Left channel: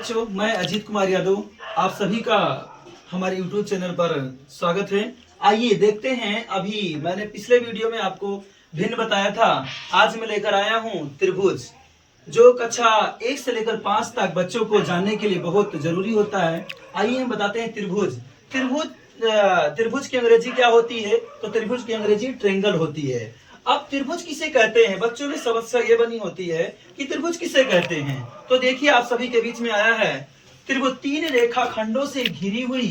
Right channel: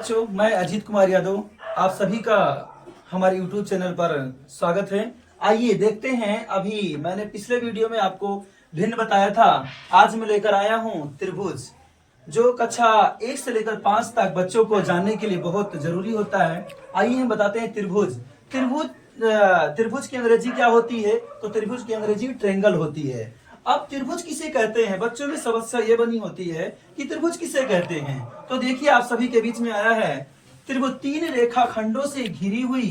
बच्चों, मैं अजीत कुमार यादव आप सभी का हमारे YouTube चैनल पर स्वागत है। आइए देखते हैं। अभी मैंने पिछले वीडियो में आपको भिन्न बताया था। आज मैं लेकर आया हूं त्रिभुज, जो कक्षा 1 से लेकर 5 तक बच्चों को जानने के लिए बहुत जरूरी होता है। आइए हम बताते हैं त्रिभुज। त्रिभुज की अंग्रेजी क्या होती है? तो त्रिभुज की अंग्रेजी ट्रायंगल होती है। अब त्रिभुज किसे कहते हैं? बच्चों में समस्या ये बनी होती है कि त्रिभुज किसे कहते हैं। तो देखिए, आप सभी के बीच में आया है त्रिभुज। 3 रेखाखंडों से घिरी हुई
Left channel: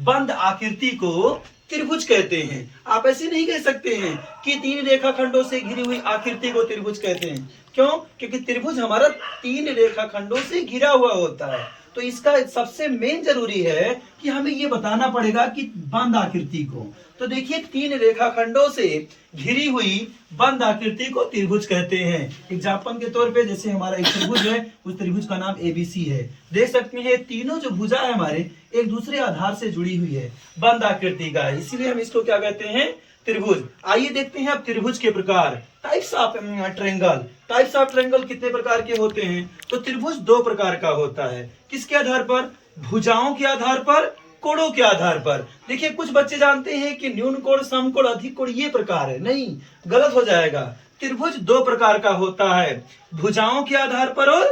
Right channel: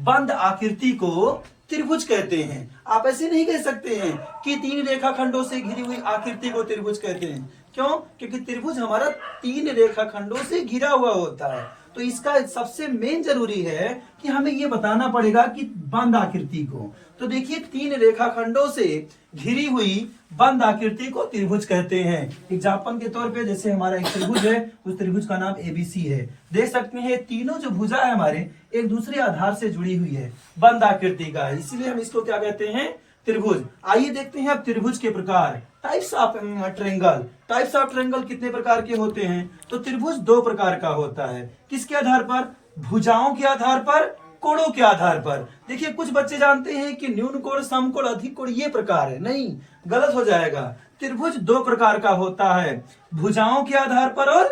बंद आकृति को त्रिभुज कहते हैं। आप ऐसे नहीं कह सकते हैं कि 3 रेखाखंडों से घिरी हुई आकृति को त्रिभुज कहते हैं। क्यों? क्योंकि त्रिभुज हमारा 3 रेखाखंडों से घिरा हुआ होता है। तो इसका सबसे मेन जरूरी है कि हमें ये बताना पड़ेगा कि बंद आकृति को। तो देखिए, 3 रेखाखंडों से घिरी हुई बंद आकृति को त्रिभुज कहते हैं। एग्जाम्पल के तौर पे जैसे हमारा एक त्रिभुज है, उस त्रिभुज का नाम एबीसी है। देख सकते हैं तीनों जो भुजा है हमारे एक दूसरे आधार से जुड़ी हुई है, बंद आकृति का, इसीलिए हम इसको क्या कहते हैं? त्रिभुज। आइए देखते हैं अब त्रिभुज के प्रकार। Types of triangle. Types of triangle कितने प्रकार के होते हैं? तो त्रिभुज 2 प्रकार का होता है। किसके आधार पर? भुजाओं के आधार पर, कोणों के आधार पर। देखिए, कुछ बच्चे जानते हैं कि न्यून कोण, सम कोण, अधिक कोण ये प्रकार है। नहीं, गलत हो जाएगा। त्रिभुज 2 प्रकार का होता है, भुजाओं के आधार पर और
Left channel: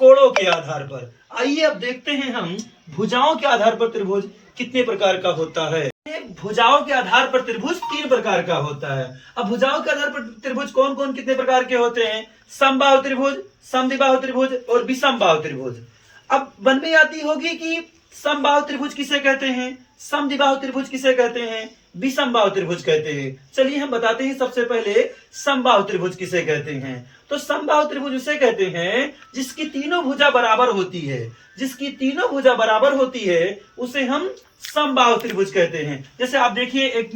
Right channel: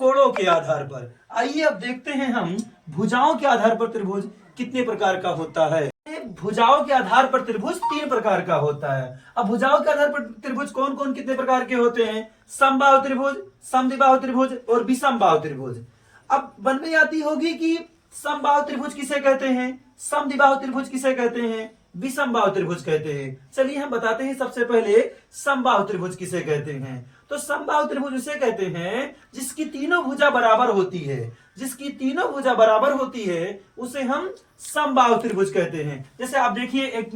कोणों के आधार पर। आइए अब देखते हैं हम भुजाओं के आधार पर त्रिभुज कितने प्रकार का होता है। भुजाओं के आधार पर त्रिभुज 3 प्रकार का होता है। अब भुजाओं के आधार पर त्रिभुज कौन कौन कितने प्रकार के होते हैं? समबाहु त्रिभुज, समद्विबाहु त्रिभुज और विषमबाहु त्रिभुज। अब मन में आती होगी कि समबाहु त्रिभुज किसे कहते हैं, समद्विबाहु त्रिभुज किसे कहते हैं, विषमबाहु त्रिभुज कहते हैं। चलिए हम बताते हैं सबसे पहले समबाहु त्रिभुज किसे कहते हैं। तो समबाहु त्रिभुज उसे कहते हैं जिसकी तीनों भुजा बराबर होती है। जिसकी तीनों भुजा बराबर होती है उसे हम समबाहु त्रिभुज कहते हैं। जैसे आप देखिए, एक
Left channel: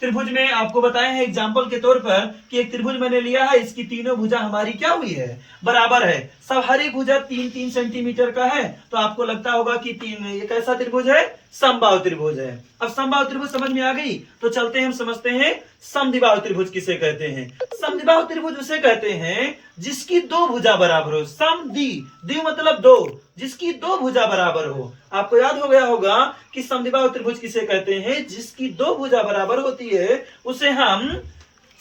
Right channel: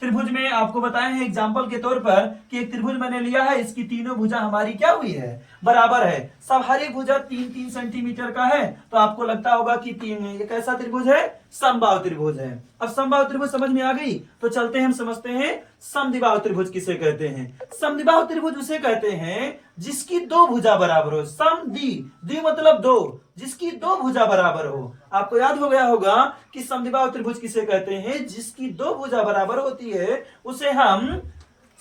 त्रिभुज में आपको बताया है एग्जाम्पल के तौर पर कि एक त्रिभुज मैंने लिया है, इसकी तीनों भुजा हमारी क्या हुई है? बराबर है। सब हर एक भुजा 3-3 सेंटीमीटर का है। तो आपको लगता होगा कि ये कैसा त्रिभुज है? समबाहु त्रिभुज है। अब समबाहु त्रिभुज समझ में आ गई, तो चलते हैं हम समझते हैं समद्विबाहु त्रिभुज किसे कहते हैं। समद्विबाहु त्रिभुज उसे कहते हैं जिसकी 2 भुजा बराबर हो। द्वि मतलब 2, जिसकी 2 भुजा बराबर हो। आपको याद हो गया होगा कि समद्विबाहु त्रिभुज किसे कहते हैं? जिसकी 2 भुजा बराबर होती है उसे हम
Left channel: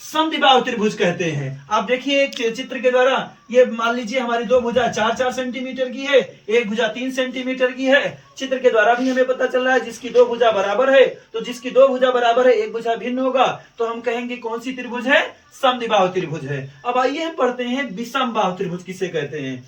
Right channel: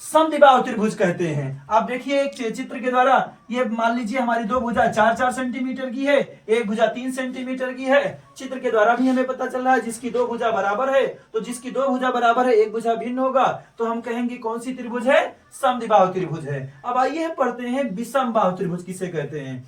समद्विबाहु त्रिभुज कहते हैं। आप देखिए एक चित्र के द्वारा, ये मान लीजिए हमारी 2 भुजा 4-4 सेंटीमीटर की है, एक भुजा 3 सेंटीमीटर की है। चित्र के द्वारा भी हमें पता चल रहा है जिसकी 2 भुजा बराबर है। तो जिसकी 2 भुजा बराबर है, एक भुजा भिन्न होगा, तो हम कहेंगे कौन सी त्रिभुज है? समद्विबाहु त्रिभुज है। अब आइए हम पढ़ते हैं विषमबाहु त्रिभुज किसे कहते हैं।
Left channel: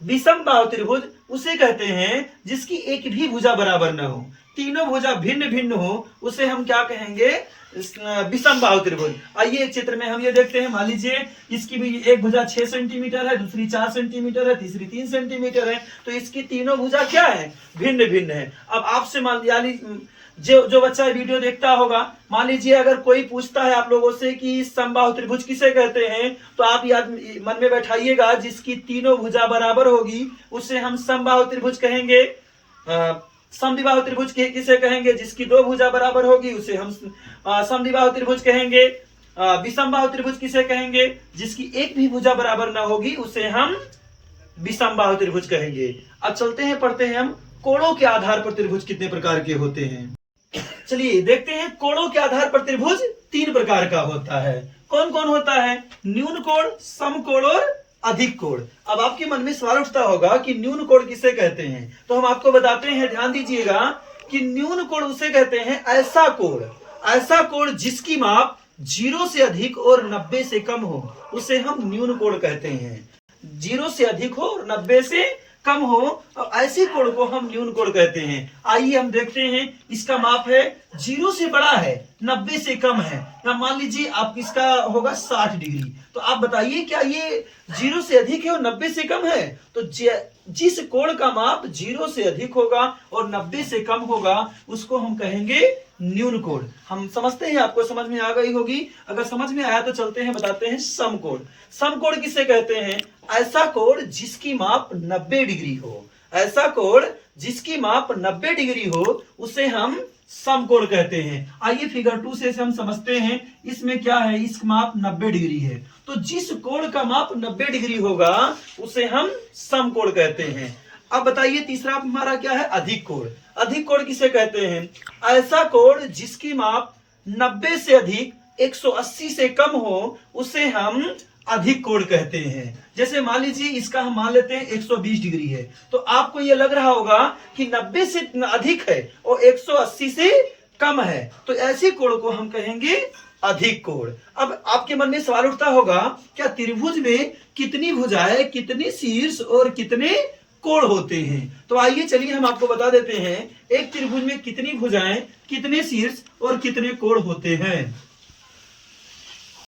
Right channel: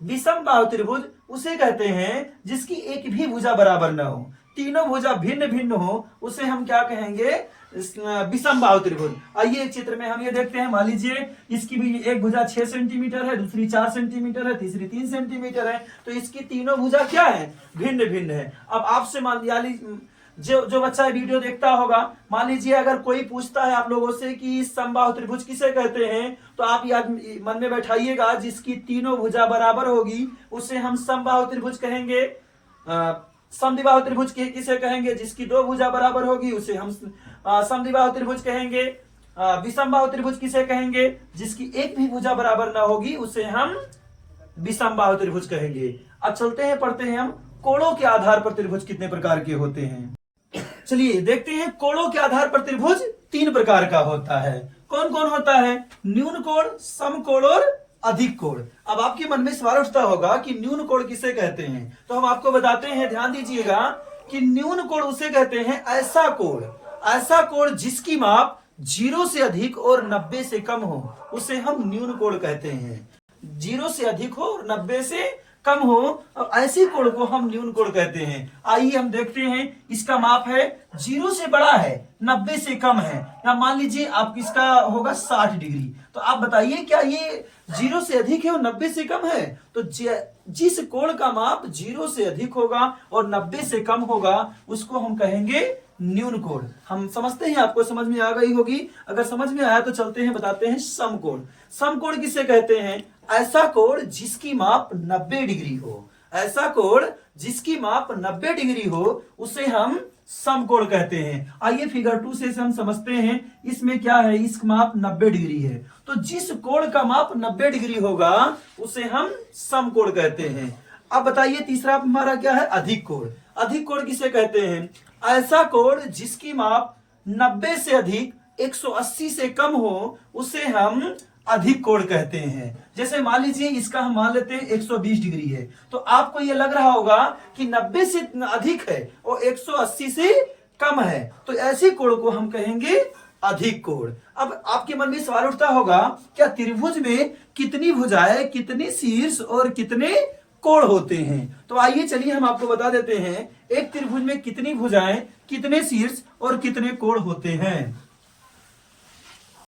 विषमबाहु त्रिभुज उसे कहते हैं जिसकी एक भी भुजा बराबर न हो, तीनों भुजा भिन्न भिन्न हो, उसे हम क्या कहेंगे? विषमबाहु त्रिभुज। आइए चित्र में हम ये देखते हैं, मान लीजिए इसकी भी एक भुजा 6 सेंटीमीटर है, दूसरी 4 सेंटीमीटर है, तीसरी 3 सेंटीमीटर है। तो इसकी तीनों भुजा क्या है? भिन्न भिन्न है। अब आपसे मान जो बच्चा वीडियो देखता होगा, मान लीजिए अगर कोई पूछता है आप लोगों से कि समबाहु त्रिभुज किसे कहते हैं, तो आप याद मन में बैठाइएगा जिसकी तीनों भुजा बराबर होगी उसे हम समबाहु त्रिभुज कहेंगे। समद्विबाहु त्रिभुज किसे कहेंगे? जिसकी 2 भुजा बराबर होगी उसे हम समद्विबाहु त्रिभुज कहेंगे। विषमबाहु त्रिभुज किसे कहेंगे? जिसकी एक भी भुजा बराबर ना होगी उसे हम विषमबाहु त्रिभुज कहेंगे। अब चलते हैं, पढ़ते हैं हम कोणों के आधार पर त्रिभुज कितने प्रकार के होते हैं। चलिए देखते हैं, कोणों के आधार पर त्रिभुज 3 प्रकार का होता है। कौन कौन होता है? न्यून कोण, समकोण और अधिक कोण। अब आपके मन में सवाल उठता होगा कि न्यून कोण किसे कहते हैं। तो हम आपको बताते हैं, ध्यान दीजिएगा कि न्यून कोण उसे कहते हैं ऐसा कोण जिसकी माप 0 से अधिक और 90 से कम हो, उसे हम न्यून कोण कहते हैं। 0 से अधिक हो और 90 से कम हो, तो ऐसी कोण को हम न्यून कोण कहते हैं। आइए हम देखते हैं, इसका माप है 0 से बड़ा है, 90 से कम है। या मान लीजिए आप इसका होगा 60 डिग्री। तो आप बताइए क्या ये 0 से अधिक है और 90 से कम है? तो जिस कोण का माप 0 से अधिक होगा और 90 से कम होगा उसको हम कहेंगे न्यून कोण। हम समझते हैं, आपको समझ में आ गई होगी। अगर समझ में आया तो चलते हैं, बताते हैं समकोण। समकोण किसे कहते हैं? ऐसा कोण जिसकी माप 90 डिग्री हो। ऐसा कोण जिसकी माप 90 डिग्री हो उसे हम समकोण कहते हैं। आइए फिगर 2 से हम समझते हैं, इसमें क्या है? इसका माप 90 डिग्री है। तो जिस कोण का माप 90 डिग्री होगा उसे हम समकोण कहते हैं। अब बताइए तीसरा हमारा क्या है, अधिक कोण। अधिक कोण किसे कहते हैं, ऐसा कोण जिसकी माप 90 से अधिक 180 से कम हो उसे हम अधिक कोण कहते हैं। जैसे मान लीजिए इसका हम मान लेते हैं 120 डिग्री है, तो आपको ये लग रहा होगा कि 90 से अधिक है और 180 से कम है, तो ऐसे कोण को हम कहेंगे अधिक कोण। अब आपके मन में सवाल उठता होगा, क्या त्रिभुज में कितनी भुजाएं, कितने शीर्ष और कितने कोण होते हैं? तो आइए चलिए हम आपको बता देते हैं एक त्रिभुज में कितनी भुजाएं, कितने शीर्ष और कितने कोण होते हैं।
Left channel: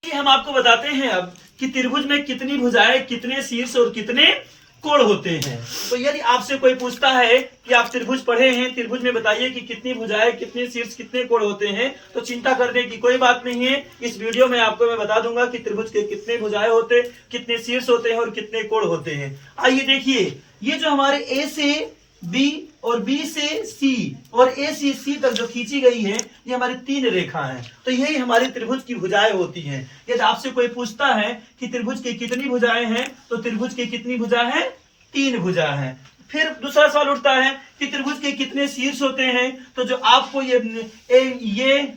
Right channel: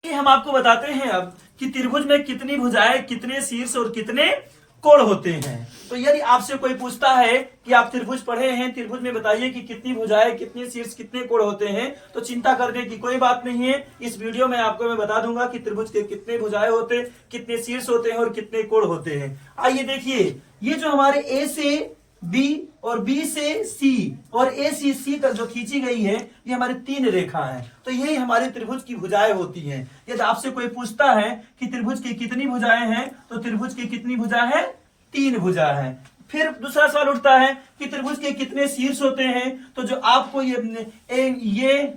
हम आपको बताते हैं अब कि त्रिभुज में कितनी भुजाएं, कितने शीर्ष और कितने कोण होते हैं। तो यदि आपसे कोई पूछता है कि आप त्रिभुज पढ़े हैं, त्रिभुज में बताइए कि कितनी भुजाएं, कितने शीर्ष, कितने कोण होते हैं, तो चिंता करने की कोई बात नहीं है। इस वीडियो में आपको मैं बता दूंगा कि त्रिभुज के कितने भुजाएं होते, कितने शीर्ष होते हैं और कितने कोण होते हैं। आइए देखिए, ये जो हमारे ए से बी और बी से सी और ए से सी तक जो खींची गई है, ये हमारी 3 रेखा है। तो यही हमारे त्रिभुज की भुजाएं होती हैं। यदि आपसे कोई पूछता है कि त्रिभुज की कितनी भुजाएं हैं, तो त्रिभुज की कितनी भुजा है, 3 भुजा है। फिर दूसरा सवाल उठता है कि त्रिभुज के कितने शीर्ष होते हैं, तो जो आपको ये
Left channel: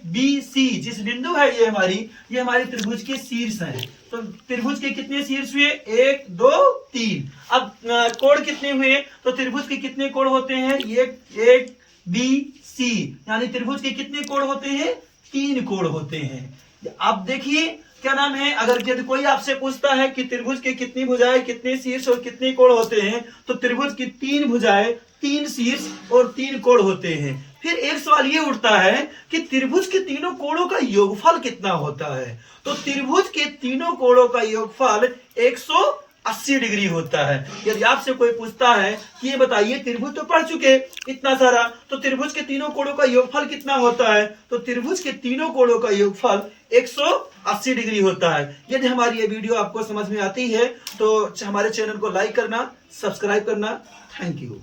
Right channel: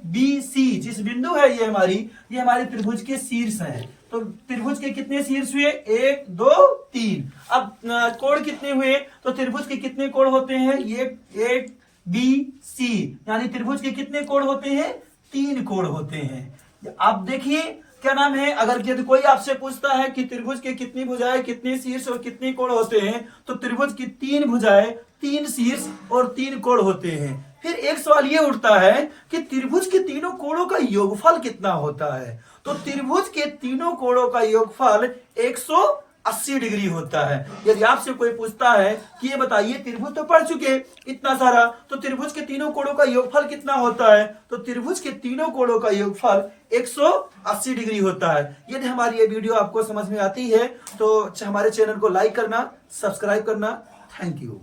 बी सी जिस बिंदु है ये हमारी त्रिभुज के शीर्ष हैं। तो त्रिभुज के कितने शीर्ष हुए, 1 2 3। अब कोण कितने हुए, तो त्रिभुज के कितने कोण होते हैं, ये एक बी सी, यानी त्रिभुज के कितने कोण होते हैं, 3 कोण होते हैं। अब देखिए क्या नाम है, अगर यदि कोई आपसे पूछता है कि त्रिभुज के कितनी भुजाएं, कितने शीर्ष और कितने कोण होते हैं, तो त्रिभुज की 3 भुजाएं, 3 शीर्ष और 3 कोण होते हैं। फिर एक सवाल ये उठता है कि त्रिभुज के तीनों कोणों का योगफल कितना होता है, तो त्रिभुज के तीनों कोणों का योगफल 180 डिग्री होता है। यदि आपसे कोई पूछता है कि ये बताइए, त्रिभुज तो पढ़ चुके इतना सारा, तो त्रिभुज के तीनों कोणों का योगफल कितना होता है, तो त्रिभुज के तीनों कोणों का योगफल 180 डिग्री होता है। यदि हमारी ये वीडियो आपको समझ में आती है तो हमारे चैनल को लाइक करना, सब्सक्राइब करना। Thank you.